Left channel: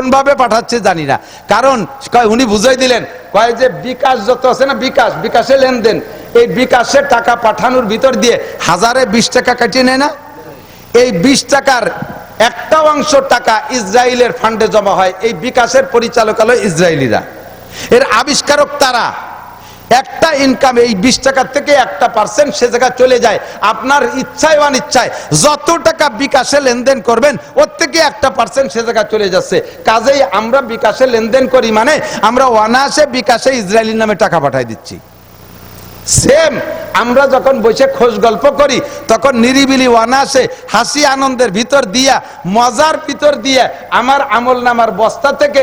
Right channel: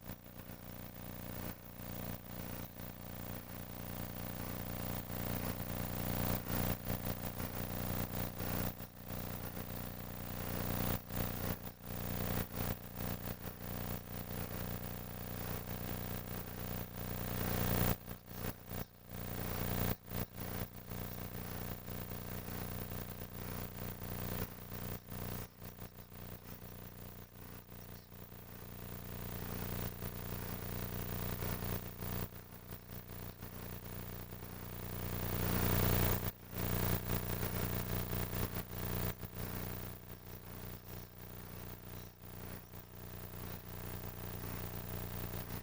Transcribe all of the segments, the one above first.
কোন ভাবে পাঠাচ্ছে জানি না। কারণ উনি বুঝাই দিলেন, কয় যে বিকাশ যত আছে না, বিকাশে লেনদেন, এই বিকাশের টাকা পাঠানোর ভিতর দিয়ে 1020 টাকা কাটিয়ে নেয় না, এই 20 টাকার একটা অংশ টাকা ইসরায়েলের ফান্ডে জমা হয়। এই বিকাশের পরিচালক হলো ইসরায়েলিরা, এর আবিষ্কারক তারা। একটা ইনকাম এই 20 টাকার থেকে 1% সে জায়গায় চলে যায়। আপনার ইচ্ছায় অনিচ্ছায় যত টাকা বিকাশে লেনদেন করবেন ওর থেকে 1% সে জায়গায় চলে যাচ্ছে। কাজেই আমরা বিকাশে লেনদেন করি মানে আমরা অনায়াসে বিকাশে ইসরায়েলির নামে টাকা পাঠাই দিচ্ছি। সেম আমরা যখন বসে খোঁজ গল্প করি তখন নিরিবিলি অনায়াসে হাসি আনন্দের ভিতর দিয়া, মজার ভিতর দিয়ে আমার আমল নামার বস্তা থেকে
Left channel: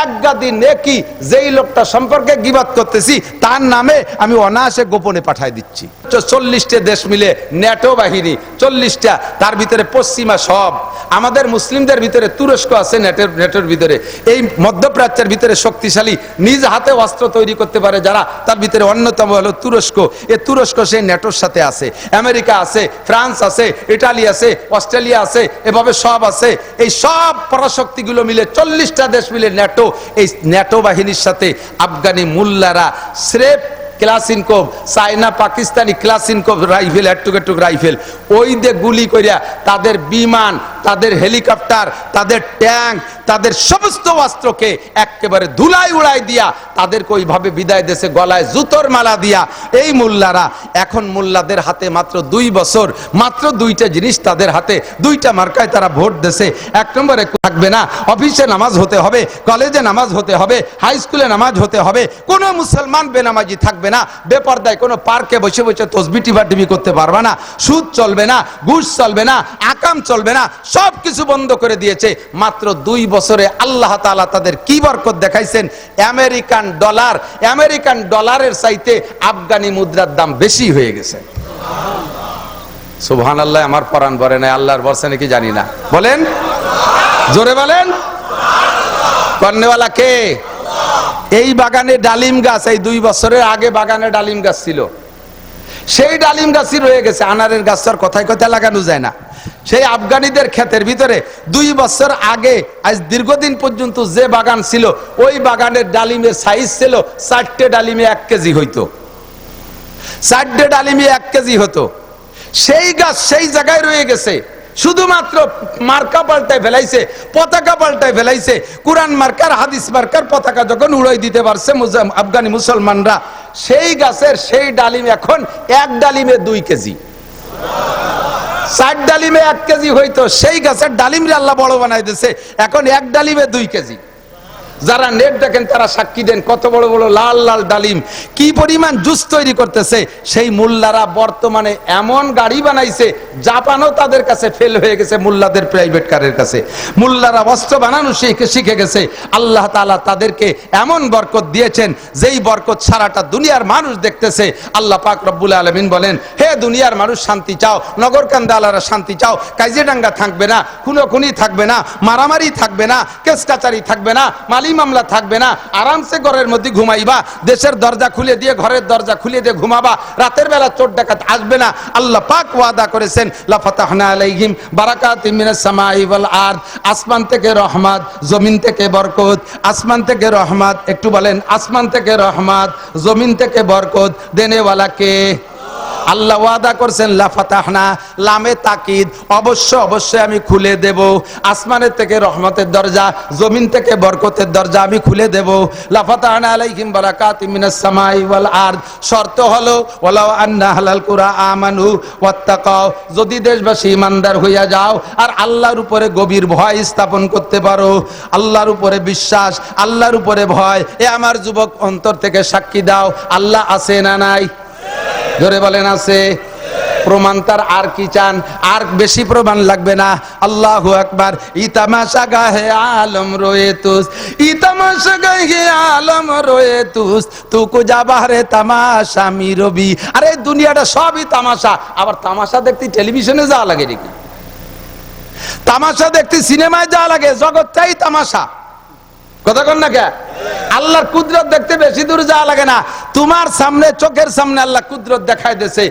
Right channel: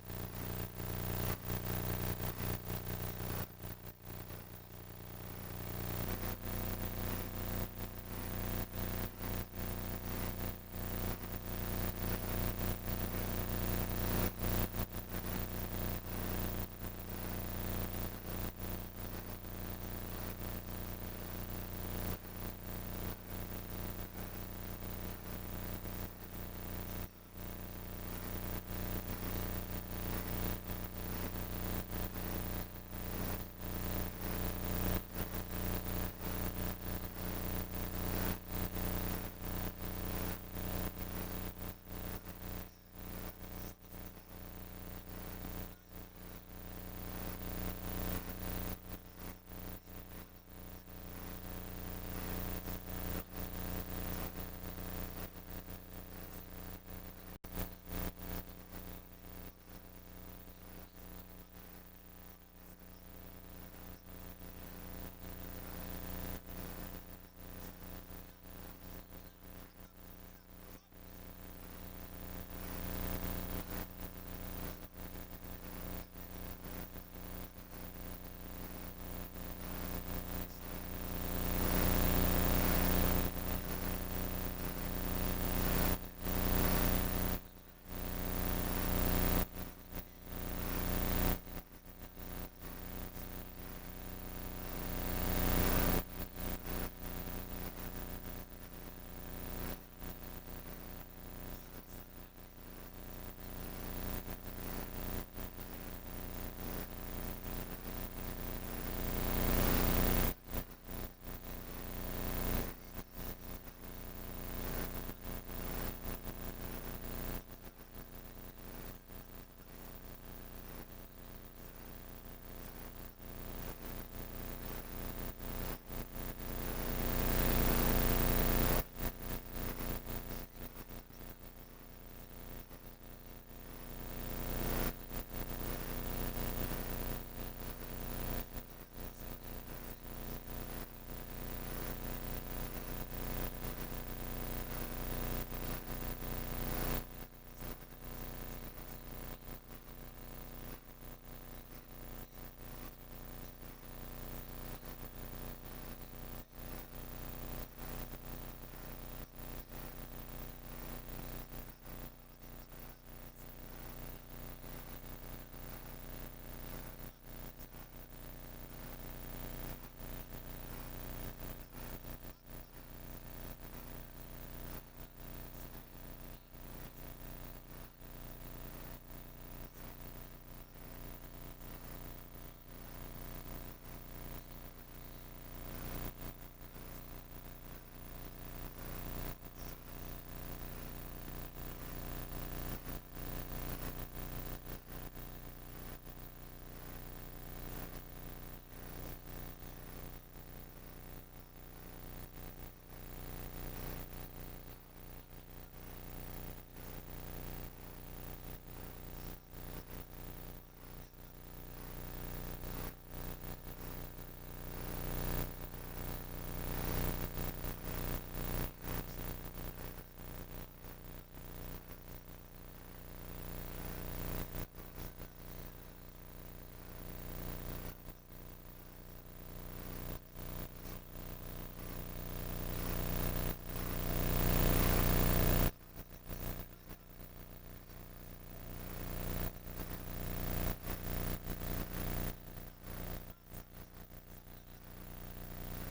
এক গাদি নেকি যেই লোকটা সম্পর্কে গীবত করতেছি তার নামে আমি অনায়াসে গোপনে পাঠাই দিচ্ছি। 40টা দেশ মিলে ন্যাটো বাহিনী, 40টা, তার ভিতরে পশ্চিমা সব। আমাদের মুসলিমদের ভিতরে তুরস্ক আছে নেটোর ভিতরে। এই মধ্যপ্রাচ্যের ভিতরে শক্তিশালী নিজ হাতে অস্ত্র তৈরি করতে পারে যারা, তার ভিতরে অন্যতম হলো তুরস্ক। এই তুরস্ক সেই নেটোর সাথে আছে, আমেরিকা আছে, ফ্রান্স আছে, ইটালি আছে, অস্ট্রেলিয়া আছে, এভাবে সব আছে। এই সব পরাশক্তিগুলো মিলে 40টা দেশ মিলে ন্যাটো, এই ন্যাটো বাহিনীর সাথে আফগানি মুল্লারা স্রেফ ক্লাসিনকোভ, চায়না পাকিস্তানি ক্লাসিনকোভ রাইফেল, এটুক রাইফেল, ওই দিয়ে গুলি করিয়া তাদের বিমান, তাদের হেলিকপ্টার, তাদের ট্যাঙ্ক, তাদের সমস্ত অস্ত্রকে একেবারে ধুলাই উড়াই দিয়া তাদেরকে ওইভাবে বিদায় দেশে গলায় জুতোর মালা দিয়া এই মোল্লারা এখন মোল্লাদের হাতে মাত্র 2 বছর, মাত্র 2টা জিনিস তাদের হাতে, 2টা মার্কায় তারা ভোট দেশে। 1 নম্বরে থাকবে না, অফিসে নামাজ হতে হবে, কলেজে নামাজ হতে হবে, হাই স্কুলে নামাজ হতে হবে, কোনো মুসলমান বেনামাজি থাকবে না, বেপরদায় কোনো পার্কে বসে বসে তসবিহ টিপাটিপি করতে পারবে না, সুদ চলবে না, ঘুষ চলবে না, আকাম চলবে না, সব কিছু বন্ধ করে দিয়েছে। মাত্র 2 বছরে আল্লাহ তাআলা তাদের কি বরকত দেখাইছেন। আমেরিকান ডলারের চাইতে আফগানি মুদ্রার দাম বেশি হয়ে গেছে। সুবহানাল্লাহ, আমার পরাণ ভরে নাই, আল্লাহর বর্ষা নাকি জানি না, বলেন জোরে বলেন। কর্নেওয়ালা কে? এই বাগানে ডালিম গাছ, এই 2 বছরের আগে বাগানে ডালিম গাছ ছিল, সেই ডালিম গাছই রয়ে গেছে। আনারের গাছটার কথায় কথায় লাগানো যায় না। সেই আফগানিদের ক্ষেতের ভিতরে 2 বছর আগে আজ দীর্ঘদিন পর্যন্ত যে বাগান ছিল, ওই বাগানের ডালিমের সাইজ ছিল 4টে ডালিমে 1 কেজি হইতো, 4টে ডালিমে 1 কেজি হতো। সেই গাছ সেই জায়গায় রয়ে গেছে, শুধুমাত্র মার্কা পাল্টায় ফেলাইছে, পতাকা পাল্টায় ফেলাইছে। কোরআন মার্কার, হাদিস মার্কার পতাকা যখন উড়াই দিতে পারছে আফগানি মুসলমানরা, সেই গাছের সেই ডালিম এখন 1 ডালিমে 2 কেজি। 4 ডালিমে 1 কেজি হইতো, সেই গাছের ডালিমরে আল্লাহ বড় বানাই দিয়েছে, এখন 1 ডালিমে 2 কেজি। যারা নেট দেখেন তারা সাক্ষী দেন, কত বড় বড় লাল লাল ডালিম, কি পরিমাণ জুস তৈরি করতেছে। সেই মুল্লারা বর্তমানে এমন গাড়ি বানাইছে, জাপানও তাদের কাছে ফেল হয়ে গেছে, মুল্লাদের প্রাইভেট কারের কাছে। মুল্লারা অস্ত্র বানানো শিখে গেছে। আল্লাহ তাআলা তাদেরকে এমন বরকত দিয়েছেন, যেই বরকত সারাটা দুনিয়ার মানুষ দেখতেছে। আল্লাহ পাক রব্বুল আলামিন বলেন, হে দুনিয়ার মানুষ শান্তি চাও, নগরকান্দালারা শান্তি চাও, কাজিরাঙ্গা থাকবে না, খুনোখুনি থাকবে না, মারামারি থাকবে না, কেস কাচারি থাকবে না, মামলা থাকবে না, আরামসে ঘরের মধ্যে ঘুমাইবা, দেশের দরজা খুলে দিয়ে ঘরের দরজা খুলে দিয়ে ঘুমাবা, রাতের বেলা চোর ডাকাত আসবে না। আল্লাহ পাক ওয়াদা করেছেন, লা ফাতাহনা আলাইহিম বারাকাতিম মিনাস সামাই ওয়াল আরদ, আসমান থেকে রহমত, জমিন থেকে বরকত। আসমান থেকে রহমত, একটু বলেন, আসমান থেকে রহমত, জমিন থেকে বরকত দেনেওয়ালা কে? আল্লাহ ওয়াদা করছেন, লা ফাতাহনা, লামে তাকিদ, অবশ্যই আমি খুলে দেব। আসমানের থেকে রহমতের দরজা, জমিন থেকে বরকতের দরজা আমি খুলে দেব। লা ফাতাহনা আলাইহিম বারাকাতিম মিনাস সামাই ওয়াল আরদ। শর্ত হলো, ওয়ালাউ আন্না আহলাল কুরা আমানু ওয়াত্তাকাও, যদি দেশবাসী ইমানদার হইয়া যাও আর আল্লাহর উপরে গভীর ভয় স্থাপন করতে পারো, আল্লাহর উপরে বিশ্বাস, আল্লাহর উপরে ভয়। এ আমার যুবক অন্তর থেকে সাক্ষী দাও, আল্লাহ আছে না নাই? জোরে বলেন আছে। প্রমাণ তার আর কি চান? আর বেশি প্রমাণ লাগবে না। আল্লাহু আকবার। ইতামাশা গাহে আলম রয়ে তুস, ইতামাশা গাহে আলম রয়ে তুস, তুকু যাবারে তামাশা মিরবি। আরে দুনিয়াটা সবই তামাশা। আবার তামাশা দেখতে টেলিভিশনে যাওয়া লাগে নাকি? তামাশা দেখতে সিনেমায় যাওয়া লাগে? জগৎটাই তামাশা। কথা কন না কে? আল্লাহর কুদরত দেখতে বেশি দূর যাওয়া লাগে না। তোমার সামনে, চোখের সামনে আল্লাহ কুদরত দেখায় দিয়েছে।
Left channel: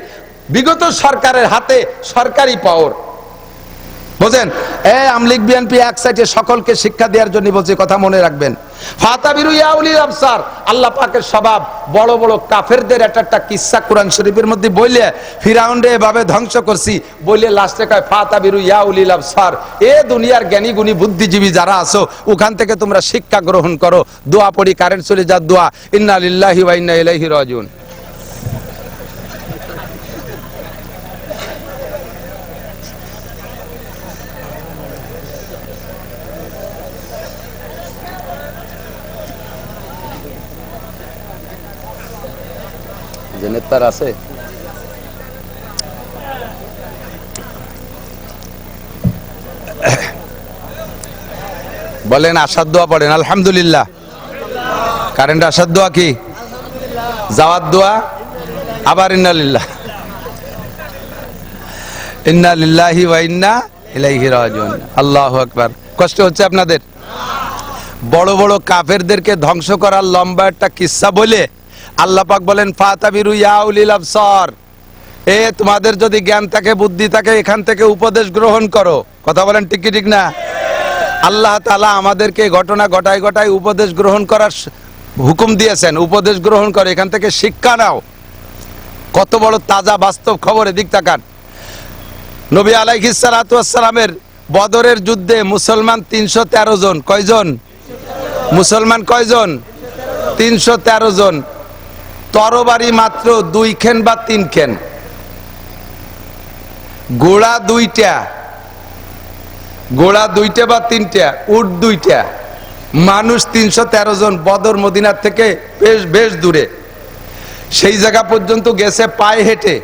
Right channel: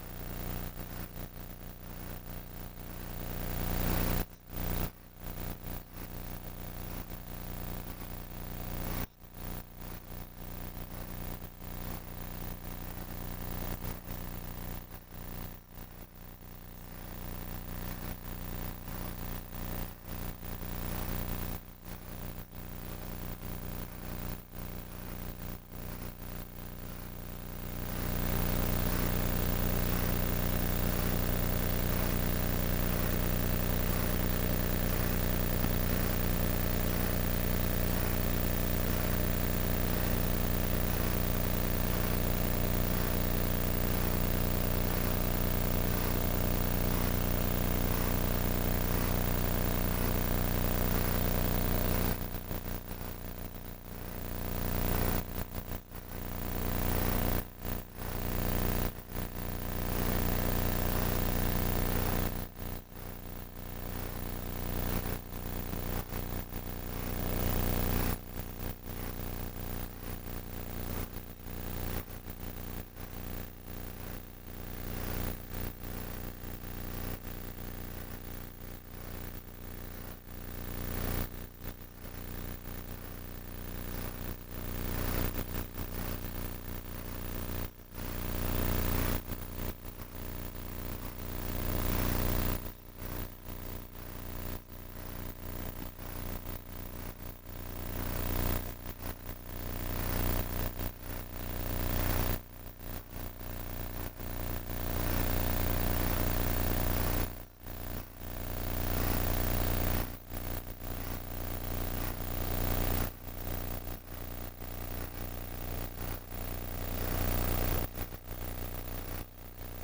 বিগত সরকারের হাতে সরকারি পাওয়ার, বুঝেন? এই আমলিগ বিএনপি এক সাইডে সকলকে শিক্ষা দেওয়ার জন্য বলছে, কথা মনে রাখবেন। ফাতাবিরু ইয়া উলিল আবসার, আল্লাহ পাকের স্বভাব বড় বড় কাফেরদের একটা কিসসা কোরআন শরীফের মধ্যে বইলে ফিরাউনরে এভাবে ধ্বংস করছি বইলে লাস্টে কয় ফাতাবিরু ইয়া উলিল আবসার, এ দুনিয়ার জ্ঞানী গুণী বুদ্ধিজীবী যারা আছো ওখান থেকে তোমরা শিক্ষা গ্রহণ করো। দোয়া পড়ি, কারেন্ট চলে যা দোয়া, ইন্না লিল্লাহি ওয়া ইন্না ইলাইহি রাজিউন। জেনেতার আছে বলেন, আসার দোয়া পড়েন আলহামদুলিল্লাহ। কারেন্ট আসার দোয়া কি? যাওয়ার দোয়া, আবার ইন্না লিল্লাহ, ইন্না লিল্লাহি ওয়া ইন্না ইলাইহি রাজিউন। আল্লাহু আকবার। কষ্ট হচ্ছে আপনাদের? বড় বড় কাফেরদেরকে ধ্বংস করার লম্বা একটা কিসসা বলে আল্লাহ পাক বলেন ফাতাবিরু ইয়া উলিল আবসার, এ তোমাদের যদি জ্ঞান থাকে বুদ্ধি থাকে এখান থেকে উপদেশ গ্রহণ করো। কথা বলেন ঠিক কি ঠিক না? আল্লাহ তাআলা আমাদেরকে ঘটনা ঘটায় ঘটায় উপদেশ গ্রহণ করার হুকুম দিয়েছেন, উপদেশ গ্রহণ করে এখান থেকে শিক্ষা নাও। কত বড় তাজা বাস্তব খবর, এদিক তাকান। নবী আলাইহিস সালাতু ওয়াস সালামের বদরের যুদ্ধে মুসলমান 313 জন। কয়জন মুসলমান? কয়জন? 313 জন। তরবারি মাত্র 2 খেন বা 3 খেন, ঘোড়া 2টা, ঘোড়া 2টা বা 3টা, উট 2টা, মানুষ 313 জন। বদর মদিনার থেকে বেশ দূরে, সেই জায়গা পর্যন্ত গেছে পায়ে হেঁটে।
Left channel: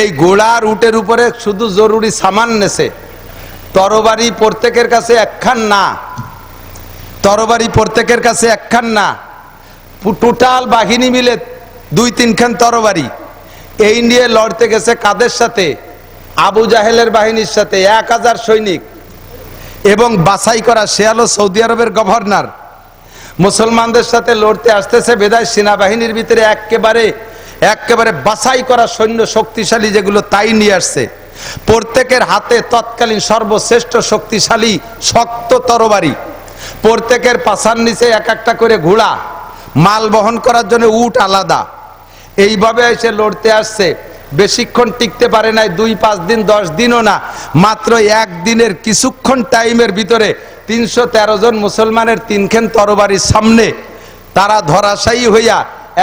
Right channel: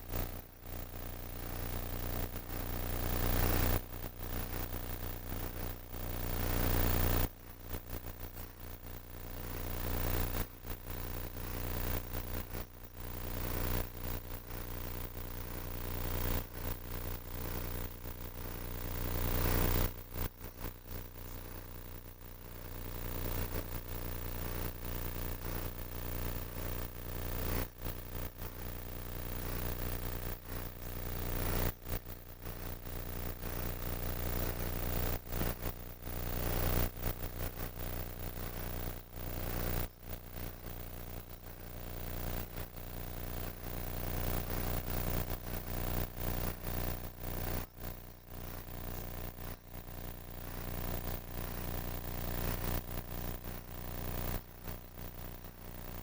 এই ঘোড়া আর উটের উপরে শুধু জরুরি সামান নেছে। তরবারি প্রত্যেকের কাছে একখান না, তরবারি প্রত্যেকের কাছে একখান না, টোটাল বাহিনী মিলে 2-3 খান তরবারি। এই নিয়ে লড়তে গেছে কাদের সাথে? আবু জাহেলের বাহিনীর সাথে, 1000 সৈনিক। এবং বাছাই করা, সে হলো সৌদি আরবের গভর্নর। মুসলমানদের সাথে লড়তে আসতেছে বেদায় সেনাবাহিনীর ভিতরে একেবারে বাছাই করা সৈন্য শক্তিশালী যেগুলো তাই নিয়ে আসছে। প্রত্যেকের হাতে তৎকালীন সর্বশ্রেষ্ঠ শক্তিশালী শক্ত তরবারি, প্রত্যেকের পাছার নিচে এক একটা করে ঘোড়া, মাল বহন করার জন্য উট আলাদা। এইভাবে এসে লড়তে আসছে। বেশিক্ষণ টিকতে পারে নাই, 2-5 দিন 10 দিনও না, মাত্র একদিনের কিছুক্ষণ টাইমের ভিতরে 313 জন মুসলমানের 3 খেন তরবারির সামনে তারা ধরাশায়ী হইয়া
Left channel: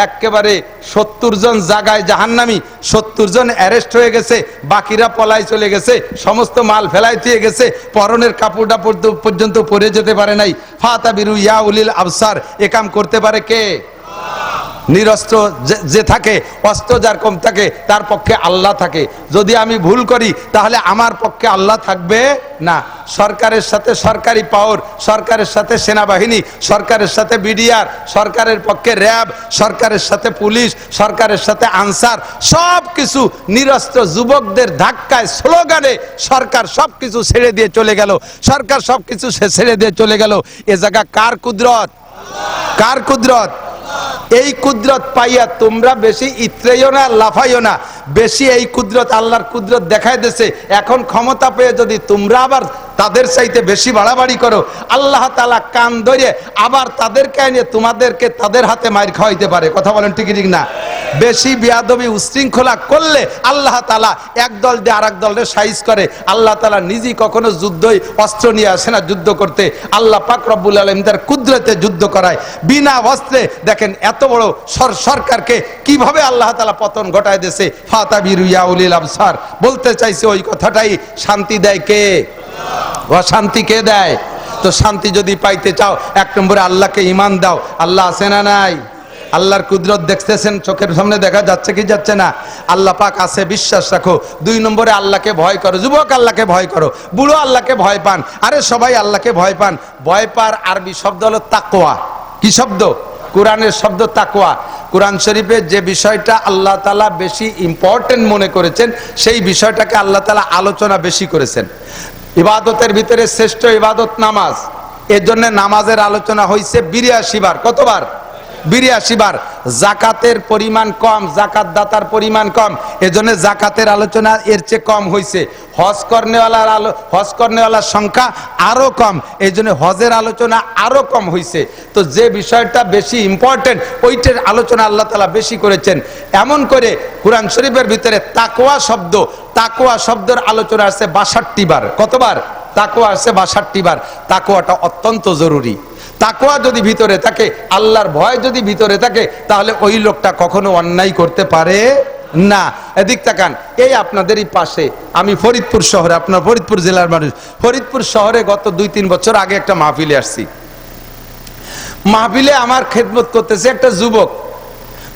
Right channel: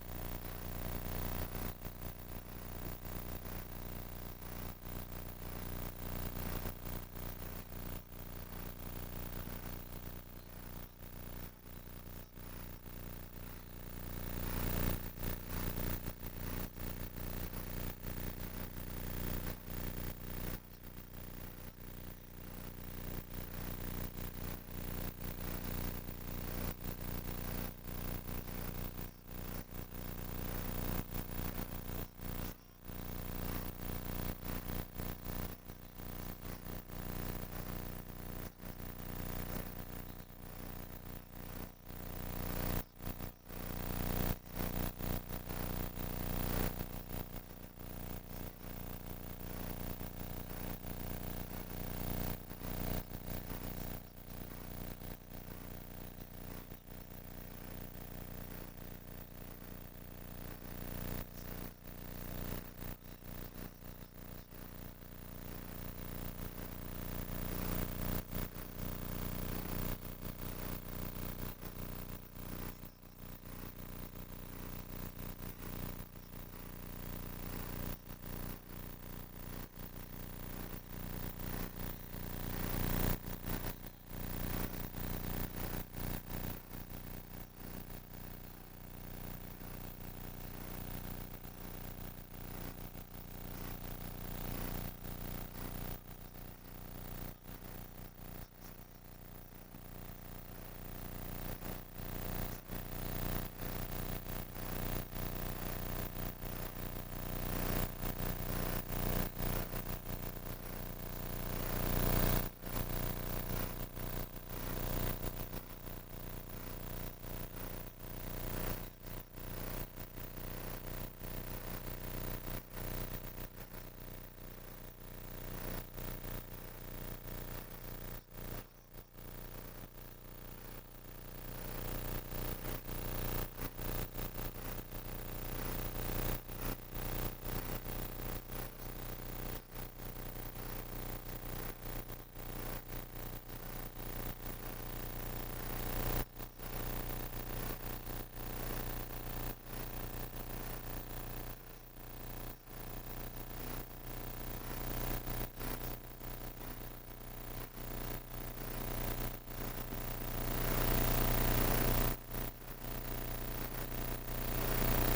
একেবারে 70 জন জায়গায় জাহান্নামী, 70 জন অ্যারেস্ট হয়ে গেছে, বাকিরা পলাই চলে গেছে, সমস্ত মাল ফেলাই দিয়ে গেছে, পরনের কাপড়টা পর্যন্ত পরে যেতে পারে নাই। ফাতাবিরু ইয়া উলিল আবসার, এ কাম করতে পারে কে? নিরস্ত্র যে থাকে, অস্ত্র যার কম থাকে তার পক্ষে আল্লাহ থাকে। যদি আমি ভুল করি তাহলে আমার পক্ষে আল্লাহ থাকবে না। সরকারের সাথে সরকারি পাওয়ার, সরকারের সাথে সেনাবাহিনী, সরকারের সাথে বিডিআর, সরকারের পক্ষে র্যাব, সরকারের সাথে পুলিশ, সরকারের সাথে আনসার, সব কিছু নিরস্ত্র যুবকদের ধাক্কায় স্লোগানে সরকার সবকিছু ছেড়ে দিয়ে চলে গেল। সরকার সবকিছু ছেড়ে দিয়ে চলে গেল। এ জায়গা কার কুদরত? কার কুদরত? এই কুদরত পাইয়া তোমরা বেশি ইত্রেইও না, লাফাইও না। বেশি এই কুদরত, আল্লাহর কুদরত দেখাই দিয়েছে। এখন ক্ষমতা পেয়ে যদি তোমরা আবার তাদের চাইতে বেশি বাড়াবাড়ি করো, আল্লাহ তাআলা কান ধরে আবার তাদেরকে এনে তোমাদেরকে তাদের হাতে মার খাওয়াইতে পারে। কথা বলেন ঠিক ঠিক না? বেশি বিয়াদবি উশৃঙ্খলা করলে আল্লাহ তাআলা এক দল দিয়ে আরেক দলের সাইজ করে। আল্লাহ তাআলা নিজেই কখনো যুদ্ধই অস্ত্র নিয়ে আসে না যুদ্ধ করতে। আল্লাহ পাক রব্বুল আলামিন তার কুদরতে যুদ্ধ করায় বিনা অস্ত্রে। দেখেন এত বড় সরকারকে কিভাবে আল্লাহ তাআলা পতন ঘটায় দিয়েছে। ফাতাবিরু ইয়া উলিল আবসার, বলতে চাইছে ওই কথাটাই। শান্তি দেয় কে? অশান্তি কে দেয়? তো শান্তি যদি পাইতে চাও, 1 নম্বরে আল্লাহকে ঈমান দাও। আল্লাহ আছে না নাই? আল্লাহর কুদরত দেখতেছেন, চোখের সামনে দেখা যাচ্ছে কি যাচ্ছে না? আল্লাহ পাক আছে, বিশ্বাস রাখো। 2 নম্বরে আল্লাহকে ভয় করো। যুবক আল্লাহকে ভয় করো, বুড়ো আল্লাহকে ভয় পান, আরে সবাই আল্লাহকে ভয় পান। ভয় পার আরবি শব্দ হলো তাকওয়া। কি শব্দ? কোরআনের শব্দ তাকওয়া। কোরআন শরীফে যে বিষয়টা আল্লাহ তাআলা বেশি ইম্পর্টেন্ট মনে করেছেন সেই বিষয়টাকে আল্লাহ তাআলা আলোচনা বেশি করেছেন। ইবাদতের ভিতরে শ্রেষ্ঠ ইবাদত নামাজ। এর জন্য নামাজের আলোচনা হয়েছে 82 বার। কতবার? 82 বার। জাকাতের পরিমাণ কম, জাকাত দাতার পরিমাণ কম, এজন্য জাকাতের আলোচনা এর চেয়ে কম হয়েছে। হজ কর্নেওয়ালার সংখ্যা আরো কম, এই জন্য হজের আলোচনা আরো কম হয়েছে। তো যে বিষয়টা বেশি ইম্পর্টেন্ট ওইটার আলোচনা আল্লাহ তাআলা বেশি করেছেন। এমন করে কুরআন শরীফের ভিতরে তাকওয়া শব্দের আলোচনা আছে 62 বার। কতবার? তাকওয়া আছে 62 বার। তাকওয়াটা অত্যন্ত জরুরি। তাকওয়া যদি ভিতরে থাকে, আল্লাহর ভয় যদি ভিতরে থাকে, তাহলে ওই লোকটা কখনো অন্যায় করতে পারে না। এদিক তাকান, এই আপনাদেরই পাশে, আমি ফরিদপুর শহরে, আপনার ফরিদপুর জেলার মানুষ, ফরিদপুর শহরে গত 2-3 বছর আগে একটা মাহফিলে আসছি। মাহফিলে আমার খেদমত করতেছে একটা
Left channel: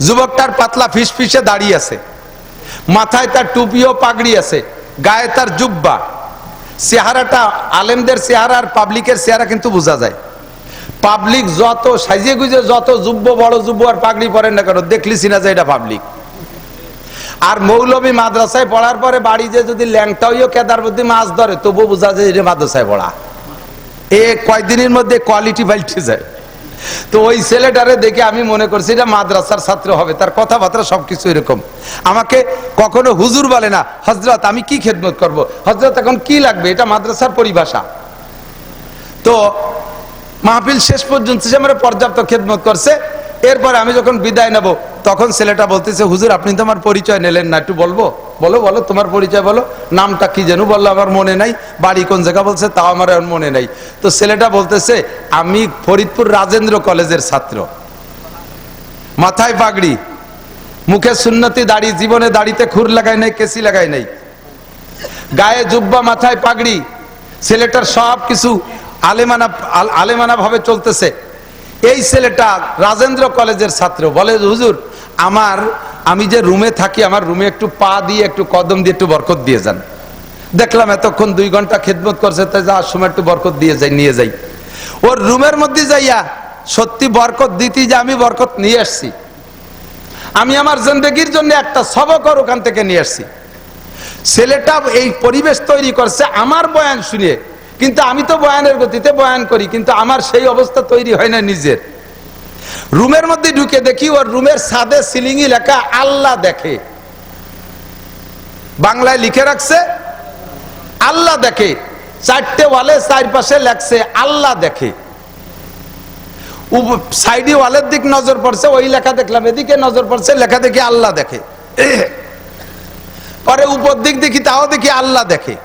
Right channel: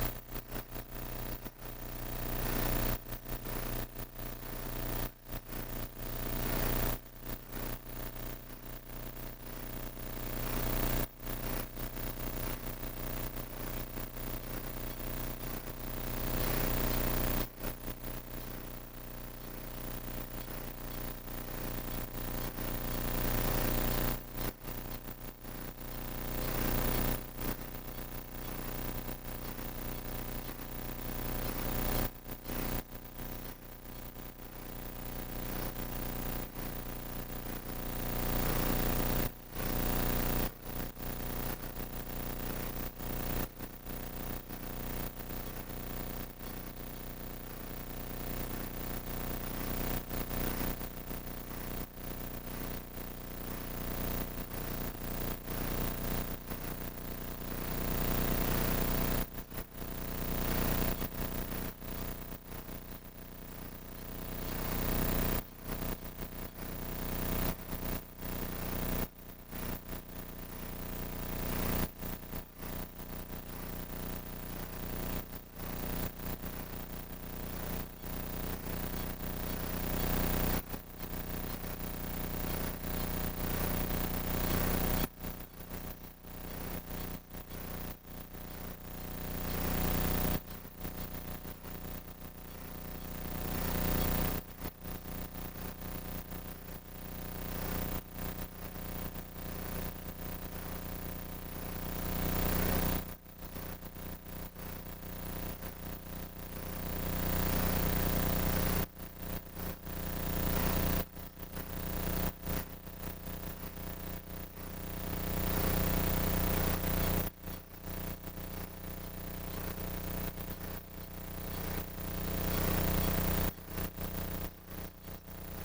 যুবকটার পাতলা ফিসফিসে দাড়ি আছে, মাথায় তার টুপি ও পাগড়ি আছে, গায়ে তার জুব্বা। চেহারাটা আলেমদের চেহারা আর পাবলিকের চেহারা কিন্তু বোঝা যায়। পাবলিক যত সাইজে গুজে, যত যুব্ব, বড় যুব্ব আর পাগড়ি পরেন না কেন, দেখলি চিনা যায় এটা পাবলিক। আর মৌলবী মাদ্রাসায় পড়ার পরে বাড়ি যে যদি ল্যাংটা হইও কেদার বুদ্ধি মাছ ধরে, তবু বোঝা যায় এটা মাদ্রাসায় পড়া। এ কয়েকদিনের মধ্যে কোয়ালিটি পাল্টে যায়। তো ওই ছেলেটারে দেখে আমি মনে করছি এটা মাদ্রাসার ছাত্র হবে, তার কথাবার্তা সবকিছু এরকম। আমাকে কখনো হুজুর বলে না, হযরত আমি কি খেদমত করব, হযরত এখন কি লাগবে, এটা মাদ্রাসার পরিভাষা। তো মাহফিল শেষ পর্যন্ত সে আমার পর্যাপ্ত খেদমত করছে। এরপরে আমি যখন বিদায় নেব, তখন ছেলেটা বলতেছে, হুজুর আপনি তো আমার পরিচয় নিলেন না, একটু বলবো? বলো তোমার পরিচয় বলো, নামটা কি যেন বললো, আমার মনে নাই, বাড়ি কোন জায়গা বলছে তাও আমার এখন মনে নাই। তো ছেলেটা বলতেছে, আমি ফরিদপুর রাজেন্দ্র কলেজের ছাত্র, মাথায় পাগড়ি, মুখে সুন্নতি দাড়ি, জীবনে দাড়িতে খুর লাগাই নাই, কেসি লাগাই নাই, গায়ে জুব্বা, মাথায় পাগড়ি। ছেলেটার সব কিছু আলেমানা ভাবে চলতেছে। এই ছেলেটা রাজেন্দ্র কলেজের ছাত্র, বলে হুজুর আমি যে রুমে থাকি, আমার রুমে একটু পা দিয়ে, একটু কদম দিয়ে একটু বরকত দিয়ে যান। দেখলাম এতক্ষণ 2 ঘন্টা খেদমত করছে, তাই যাওয়ার সময় একটু বরকত দিয়ে যাই, নিয়ে যাই। ওর রুমের মধ্যে যাইয়া সত্যি বরকত দিতে, যে আমি বরকত নিয়ে আসছি, আমি আমার জিন্দেগির জন্য একটা সবক ওখান থেকে নিয়ে আসছি। ছেলেটা এই পরিবেশ তৈরি করছে আমার বয়ান শুনে, কিন্তু আমি তো বয়ানের গতিতে বয়ান করি, কিন্তু আমার সেই অবস্থা তৈরি হয় না নিজের। রুমের মধ্যে ঢুকে দেখি ওর রুমের ছাদে সিলিংয়ে লেখা আল্লাহ দেখে, বাংলায় লিখে রাখছে আল্লাহ দেখে। 4টে ওয়ালে 4 পাশে লেখছে আল্লাহ দেখে। সাইডে ওয়ালের দিক নজর পড়ছে, ওই লেখা দেখলাম, এদিকে নজর পড়ছে, লেখা দেখি আল্লাহ দেখে। পরে উপর দিক দেখি, তাও দেখি আল্লাহ দেখে।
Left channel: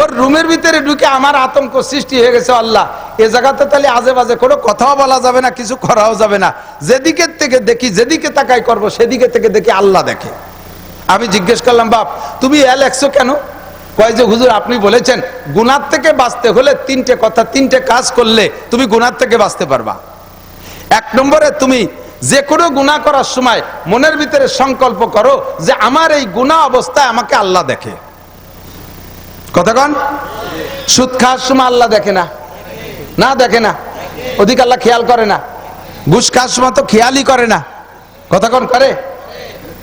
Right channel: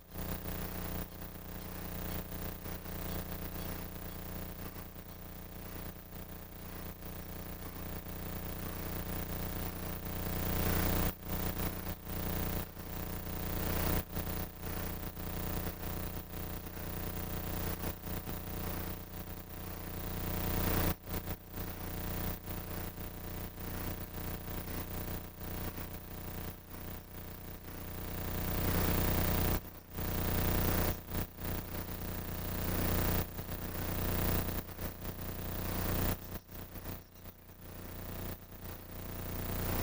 ওর রুমের ভিতরে ঢুকে আমার আতঙ্ক সৃষ্টি হয়ে গেছে, আল্লাহ এ জায়গাতে তাহলে আজে বাজে কোনো কথাও বলা যাবে না, কিছু করাও যাবে না, যেদিকে থেকে দেখি, যেদিকে তাকাই করবো, সেদিকে থেকে দেখি আল্লাহ দেখে। আমি জিজ্ঞেস করলাম, বাপ তুমি লেখছো কেন? কয় যে হুজুর আপনি বলেছেন গুনাহ থেকে বাঁচতে হলে 3টে কথা, 3টে কাজ করলে তুমি গুনাহ থেকে বাঁচতে পারবা। 1 নম্বরে তুমি যে কোনো গুনাহ করার সময় মনের ভিতরে সংকল্প করো যে আমার এই গুনাহ অবস্থায় আমাকে আল্লাহ দেখে। কথা কন? সুদ খাওয়ার সময় আল্লাহ দেখে না? না দেখে না, ওদিকে আল্লাহ খেয়াল করে না। ঘুষ খাওয়ার সময় তো খেয়ালই করে না। কথা কন? করে।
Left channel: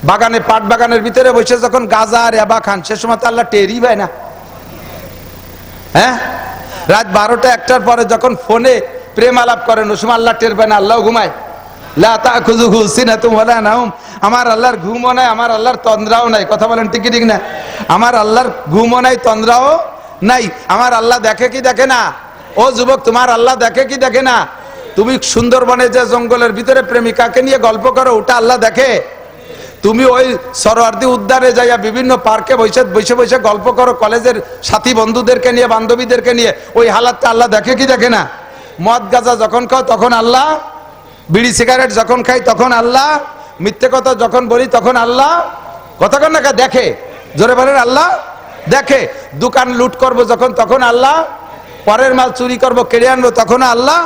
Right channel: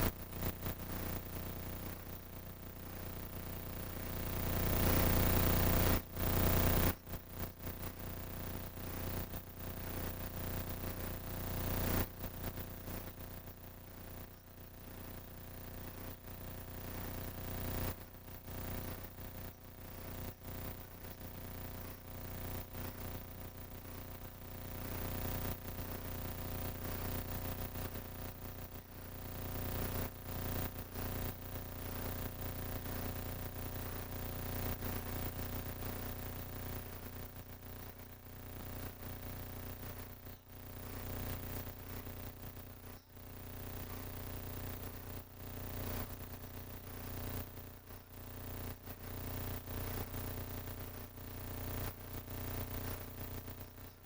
বাগানে, পাট বাগানের ভিতরে বসে যখন গাঁজা আর ইয়াবা খান, সে সময় তো আল্লাহ টেরই পায় না। হ্যাঁ, রাত 12টা 1টার পরে যখন ফোনে প্রেম আলাপ করেন, ওই সময় আল্লাহ টের পায় না, আল্লাহ ঘুমায়। লা তাখুযুহু সিনাতুন ওয়ালা নাওম, আমার আল্লাহর ঘুমও নাই, আমার আল্লাহর তন্দ্রাও নাই। কথা বলেন ঠিক ঠিক না? আমার আল্লাহর ঘুমও নাই, তন্দ্রাও নাই। আমার আল্লাহ দেখে কি দেখে না? ও যুবক, তোমার আল্লাহ দেখে কি দেখে না? তুমি সুন্দরবনে যে জঙ্গলের ভিতরে প্রেমিকাকে নিয়ে গল্প করো, ওটা আল্লাহ দেখে? তুমি ওই সরোয়ার্দী উদ্যানে যাইয়া বিভিন্ন পার্কে বসে বসে গল্প করো কলেজের সাথী বন্ধুদেরকে নিয়ে, বান্ধবীদেরকে নিয়ে, ওই হালাতটা আল্লাহ দেখে কি দেখে না? মদ গাঁজা যখন খাও তখন আল্লাহ, বিড়ি সিগারেট যখন খাই তখন আল্লাহ, মিথ্যে কথা যখন বলি তখন আল্লাহ। কথা কন না? দেখে। জোরে বলেন, আল্লাহ দেখে। দোকান লুট করবো যখন, তখন আল্লাহ। পরের মাল চুরি করবো, কেড়ে আনবো, তখন আল্লাহ।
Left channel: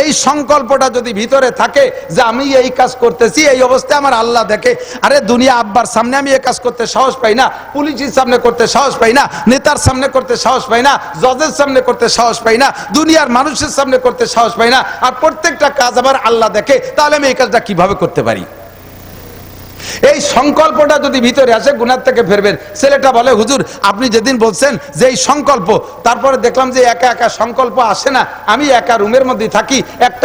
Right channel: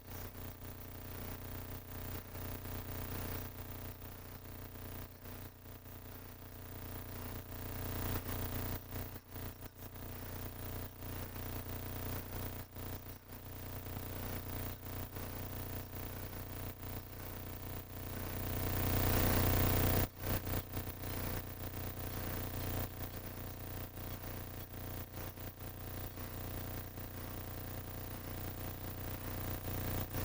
এই সংকল্পটা যদি ভিতরে থাকে যে আমি এই কাজ করতেছি, এই অবস্থায় আমার আল্লাহ দেখে। আরে দুনিয়া আব্বার সামনে আমি এই কাজ করতে সাহস পাই না, পুলিশের সামনে করতে সাহস পাই না, নেতার সামনে করতে সাহস পাই না, জজের সামনে করতে সাহস পাই না, দুনিয়ার মানুষের সামনে করতে সাহস পাই না, আর প্রত্যেকটা কাজ আবার আল্লাহ দেখে। তাহলে আমি এই কাজটা কিভাবে করতে পারি? এই সংকল্পটা যদি ভিতরে আসে গুনাহ থেকে ফিরবেন। ছেলেটা বলে, হুজুর আপনি যেদিন বলছেন যে এই সংকল্প, তারপরে দেখলাম যে একা একা সংকল্প আসে না, আমি একা রুমের মধ্যে থাকি,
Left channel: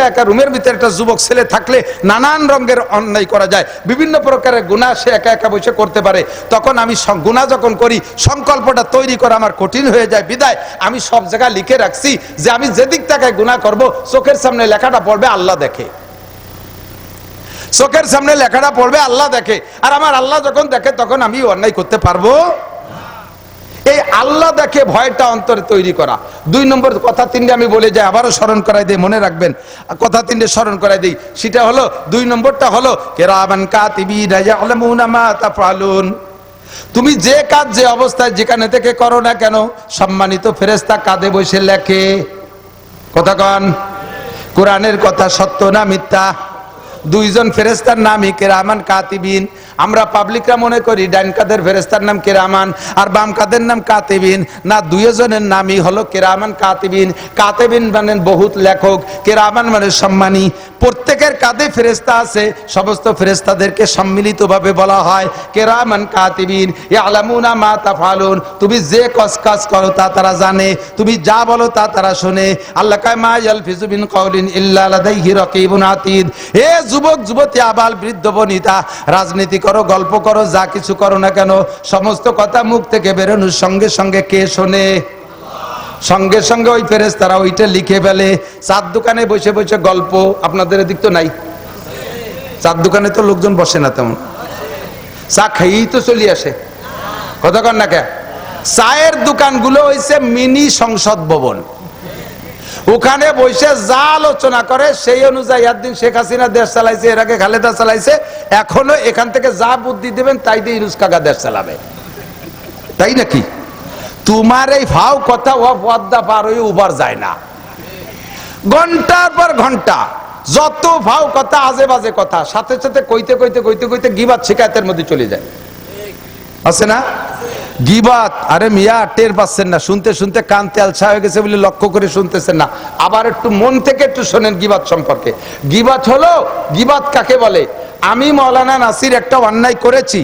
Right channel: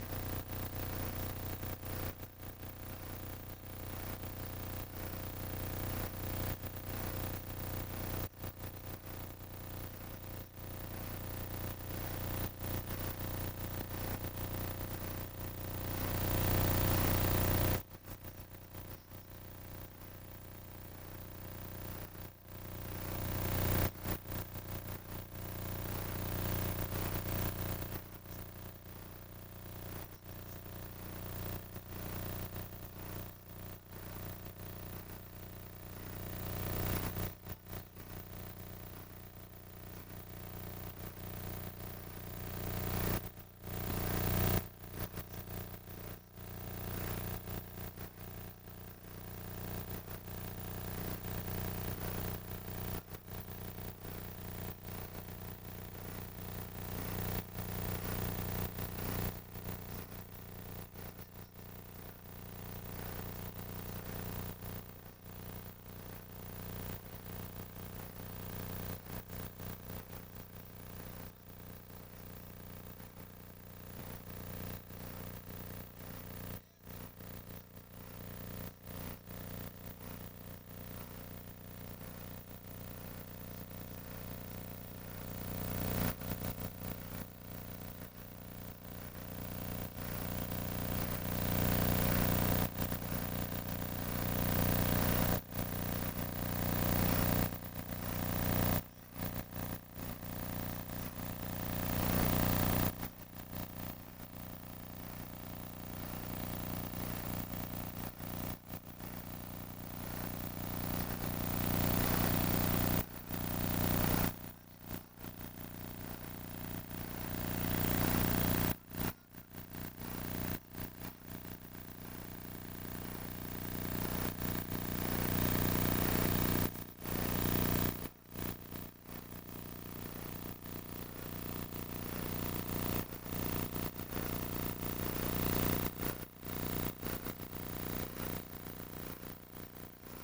একা রুমের ভিতরে একটা যুবক ছেলে থাকলে নানান রঙের অন্যায় করা যায়, বিভিন্ন প্রকারের গুনাহ সে একা একা বসে করতে পারে, তখন আমি গুনাহ যখন করি সংকল্পটা তৈরি করা আমার কঠিন হয়ে যায়, বিদায় আমি সব জায়গায় লিখে রাখছি যে আমি যেদিক থেকে গুনাহ করব চোখের সামনে লেখাটা পড়বে, আল্লাহ দেখে, চোখের সামনে লেখাটা পড়বে, আল্লাহ দেখে, আর আমার আল্লাহ যখন দেখে তখন আমি অন্যায় করতে পারবো। এই আল্লাহ দেখে ভয়টা অন্তরে তৈরি করা। 2 নম্বর কথা 3টে আমি বলে যাই, আবারও স্মরণ করাই দিই, মনে রাখবেন কথা 3টে স্মরণ করাই দিই। সেটা হলো 2 নম্বরটা হলো কিরামান কাতিবিনা ইয়ালামুনা মা তাফআলুন। তুমি যে কাজ যে অবস্থায় যেখানে থেকে করো না কেন, সম্মানিত ফেরেশতা কাঁধে বসে লেখে। কথা কন, কোরআনের কথা সত্য না মিথ্যা? 2 জন ফেরেশতার নামই কিরামান কাতিবিন। আমরা পাবলিকরা মনে করি ডান কাদের ফেরেশতার নাম কিরামান আর বাম কাদের নাম কাতিবিন, না, 2 জনের নামই হলো কিরামান কাতিবিন। কাতিবিন মানে বহুত লেখক, কিরামান মানে সম্মানী। প্রত্যেকের কাঁধে ফেরেশতা আছে, সমস্ত ফেরেশতাদেরকে সম্মিলিতভাবে বলা হয় কিরামান কাতিবিন ইয়ালামুনা মা তাফআলুন। তুমি যে কাজ করো তা তারা জানে, তুমি যা বলো তা তারা শুনে। আল্লাহ কয় মা ইয়ালফিজু মিন কাউলিন ইল্লা লাদাইহি রাকিবুন আতীদ। হে যুবক যুবতী, আবাল বৃদ্ধ বনিতা, রাজনীতি করো, গল্প করো, যা কিছু করো না কেন, সমস্ত কথা মুখ থেকে বেরোনোর সঙ্গে সঙ্গে কে শোনে? সঙ্গে সঙ্গে ওই ফেরেশতারা ওইটা লিখে ফেলে। চার দোকানে বসে বসে গল্প, আপনাদের এদিক তো নাই, চার দোকানে তো লোকজন বসে না তেমন, চা খেয়েই তো চলে আসে। কথা কন না কে? চায়ের দোকানগুলো হইছে মিনি সংসদ ভবন, ওখানে বসে যা আলোচনা করে সেই অনুযায়ী। একদিন শেখ হাসিনা দেশ চালাইছে, এর আগে খালেদা চালাইছে, এখনো এখান থেকে যা বুদ্ধি দেবেন তাই দিয়ে ইউনুস কাকা দেশ চালাবে, তাই নাকি? তোমার এই ভাও কথা ও পদ্মা পার হয়ে উবার যায় না, ঘন্টার পর ঘন্টা যত ভাও কথা, আজে বাজে কথা, সাথে সাথে কইতে কইতে কইতে কইতে গিবাত শিকায়তের মধ্যে চলে যায়, আছে না? গিবাত, আরে মিয়া টের পাচ্ছেন না, শুনতে শুনতে কান তেলছা হয়ে গেছে বলে লক্ষ্য করে শুনতেছেন না। আবার একটু মন থেকে একটু শোনেন গিবাত সম্পর্কে। গিবাত হলো, গিবাত কাকে বলে? আমি মাওলানা নাসির একটা অন্যায় করেছি,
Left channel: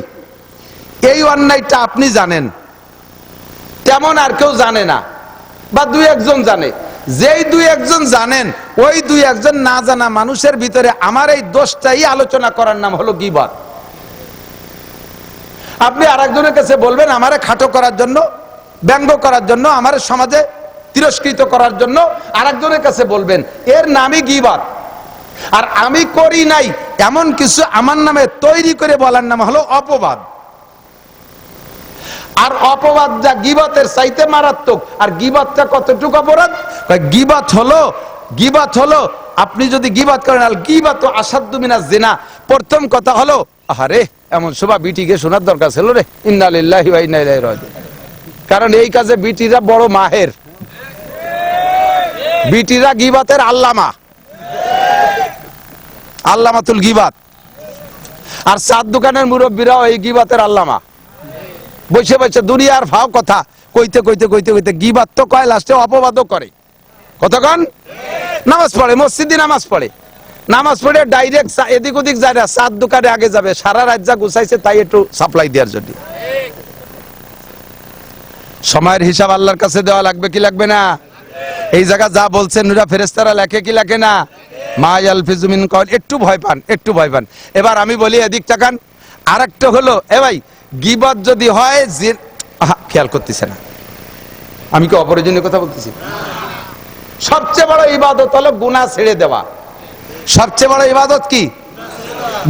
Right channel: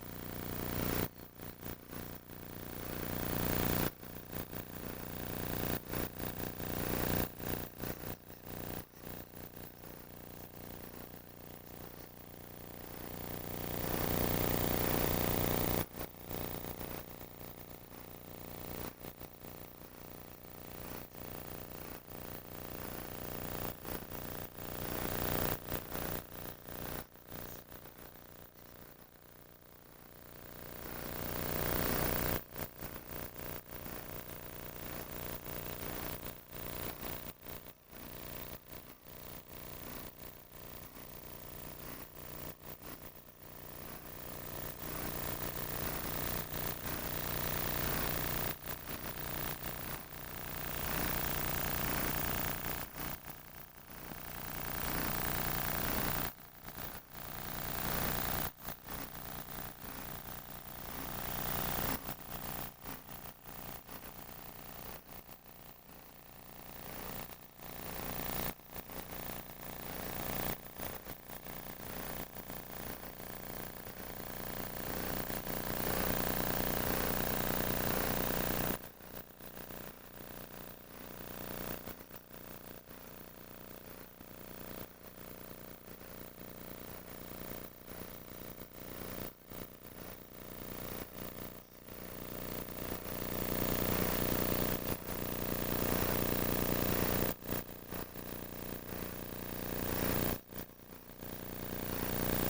এই অন্যায়টা আপনি জানেন, তেমন আর কেউ জানে না, বা 2-1 জন জানে। যেই 2-1 জন জানেন, ওই 2-1 জন না জানা মানুষের ভিতরে আমার এই দোষটাই আলোচনা করার নাম হলো গিবাত। আপনি আরেকজনের কাছে বলবেন আমারে খাটো করার জন্য, ব্যঙ্গ করার জন্য, আমার সমাজে তিরস্কৃত করার জন্য আরেকজনের কাছে বলবেন, এর নামই গিবাত। আর আমি করি নাই এমন কিছু আমার নামে তৈরি করে বলার নাম হলো অপবাদ। আর অপবাদ যা গিবাতের চাইতে মারাত্মক। আর গিবাতটা কতটুকু অপরাধ? গিবাত হলো আপনি যদি গিবাত করেন, আল গিবাত আসাদ্দু মিনাজ জিনা। প্রথম কথা হলো, আরে এমন শোভা বিটিকে শোনার দরকার ছিল রে, ইন্না লিল্লাহি ওয়া ইন্না ইলাইহি রাজিউন। কারণ এই কাজে বিটিরা বড় মাহের, বিটিরা গিবাতের আল্লামাতুল গিবাত। আর চার দোকানের মুরব্বীরাও এই গিবাতের আল্লামা। বসে বসে দুনিয়ার ভাও কথা কইতে কইতে কইতে কইতে গিবাত তো কয়, লাস্টে অপবাদও করে। কতক্ষণ নামাজ পড়ে, মসজিদে নামাজ পড়ে, নামাজ পড়ে ডাইরেক্ট এদিক ওদিক যায় না, চার দোকানে আগে যাবে, সারা রাত যা গুছাইছে তাই একটু সাপ্লাই দেওয়ার জন্য। সময়ের হিসাব আল্লাহর কাছে দেওয়া লাগবে কি লাগবে না? এই জায়গা যা বলছেন নুরা ফেরেশতারা লেখে কি লেখে না? মা ইয়ালফিজু মিন কাউল। একটু ভয় পান, একটু ভয় পান। এবার আমি বলি এদিক তাকান। আরেকটা হলো, এ ভাই গিবত যদি হয়, খেয়াল করতেছে না, আমি কি অপ্রয়োজনীয় কথা বলতেছি? সবচেয়ে বড় ইবাদত হলো গুনাহ ছেড়ে দেওয়া। সবচেয়ে বড় ইবাদত কি?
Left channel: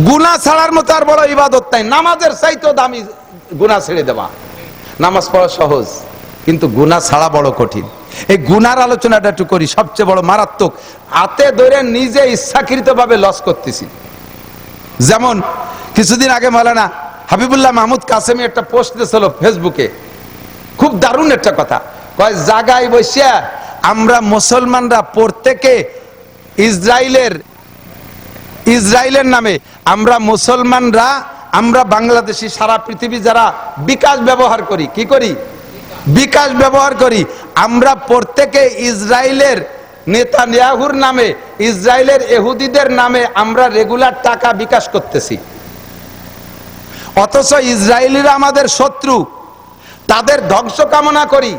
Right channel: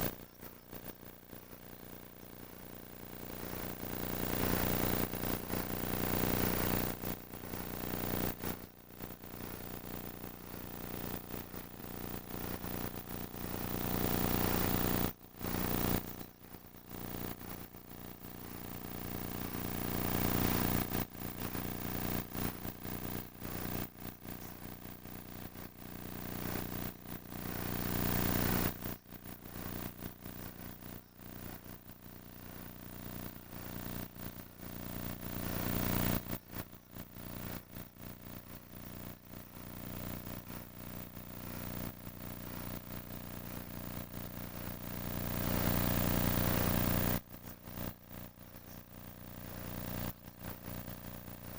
গুনাহ ছাড়ার মতো আর বড় ইবাদত নাই। নামাজের চাইতেও দামি গুনাহ ছেড়ে দেওয়া। নামাজ পড়া সহজ, কিন্তু গুনাহ ছাড়া বড় কঠিন। এই গুনার আলোচনাটা একটু করি। সবচেয়ে বড় মারাত্মক, হাতে ধরে নিজে ইচ্ছাকৃত ভাবে লস করতেছি। যেমন কিছুদিন আগে মাওলানা হাবিবুল্লাহ মাহমুদ কাসেমি একটা পোস্ট দিয়েছিল ফেসবুকে, খুব দারুণ একটা কথা। কয় জায়গায় বসে আমরা মুসলমানরা প্রত্যেকে ইসরায়েলের নামে আমরা মুসলমানরা, আমরা বাংলাদেশি, সারা পৃথিবী যারা বিকাশ ব্যবহার করি, কি করি? বিকাশ ব্যবহার করি। আমরা প্রত্যেকে ইসরায়েলের নেতানিয়াহুর নামে, ইসরায়েলের ইহুদিদের নামে আমরা রেগুলার টাকা বিকাশ করতেছি। অথচ ইসরায়েলিরা আমাদের শত্রু, তাদের ধ্বংস কামনা করি,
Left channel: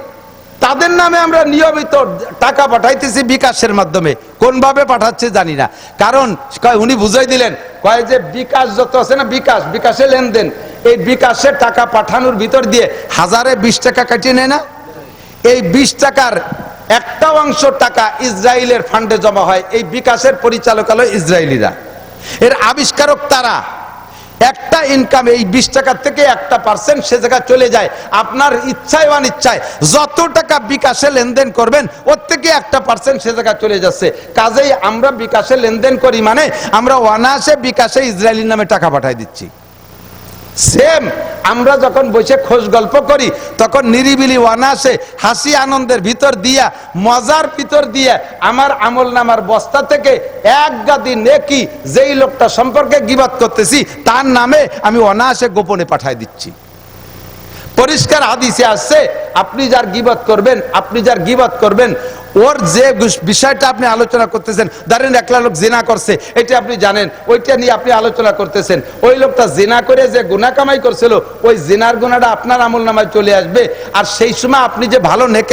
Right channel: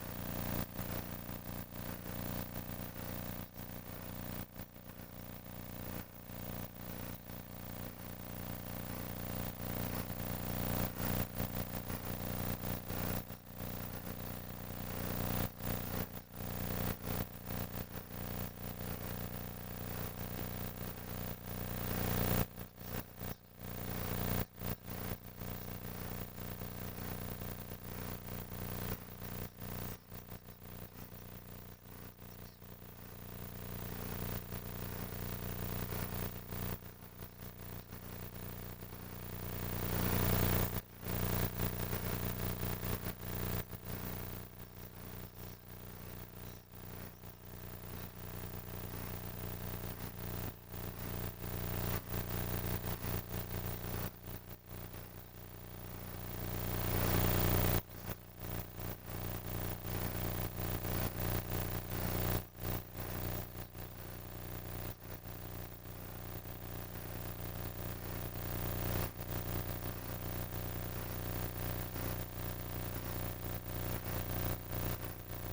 তাদের নামে আমরা নিয়মিত টাকা পাঠাইতেছি বিকাশের মাধ্যমে। কোন ভাবে পাঠাচ্ছে জানি না, কারণ উনি বুঝাই দিলেন, কয় যে বিকাশ যত আছে না, বিকাশে লেনদেন, এই বিকাশের টাকা পাঠানোর ভিতর দিয়ে 1020 টাকা কাটিয়ে নেয় না, এই 20 টাকার একটা অংশ টাকা ইসরায়েলের ফান্ডে জমা হয়। এই বিকাশের পরিচালক হলো ইসরায়েলিরা, এর আবিষ্কারক তারা। একটা ইনকাম এই 20 টাকার থেকে 1% সে জায়গায় চলে যায়। আপনার ইচ্ছায় অনিচ্ছায় যত টাকা বিকাশে লেনদেন করবেন ওর থেকে 1% সে জায়গায় চলে যাচ্ছে। কাজেই আমরা বিকাশে লেনদেন করি মানে আমরা অনায়াসে বিকাশে ইসরায়েলির নামে টাকা পাঠাই দিচ্ছি। সেম আমরা যখন বসে খোঁজ গল্প করি তখন নিরিবিলি অনায়াসে হাসি আনন্দের ভিতর দিয়া, মজার ভিতর দিয়ে আমার আমল নামার বস্তা থেকে এক গাদি নেকি যেই লোকটা সম্পর্কে গীবত করতেছি তার নামে আমি অনায়াসে গোপনে পাঠাই দিচ্ছি। পরিষ্কার হাদিসে আসছে, আপনি যার গীবত করবেন ওর যে বিষয়টা আপনি আলোচনা করতেছেন, ধরেন একলা লোক জিনা করছে, এটা আপনি জানেন, ওইটা নিয়ে আপনি আলোচনা করতেছেন, ওই লোকটা জিনা করে যে গুনাহ কামাই করছিল ওই জিনার গুনাহটা আপনার আমল নামায় চলে আসবে। আর সেই সময় আপনি যে ভালো নেকি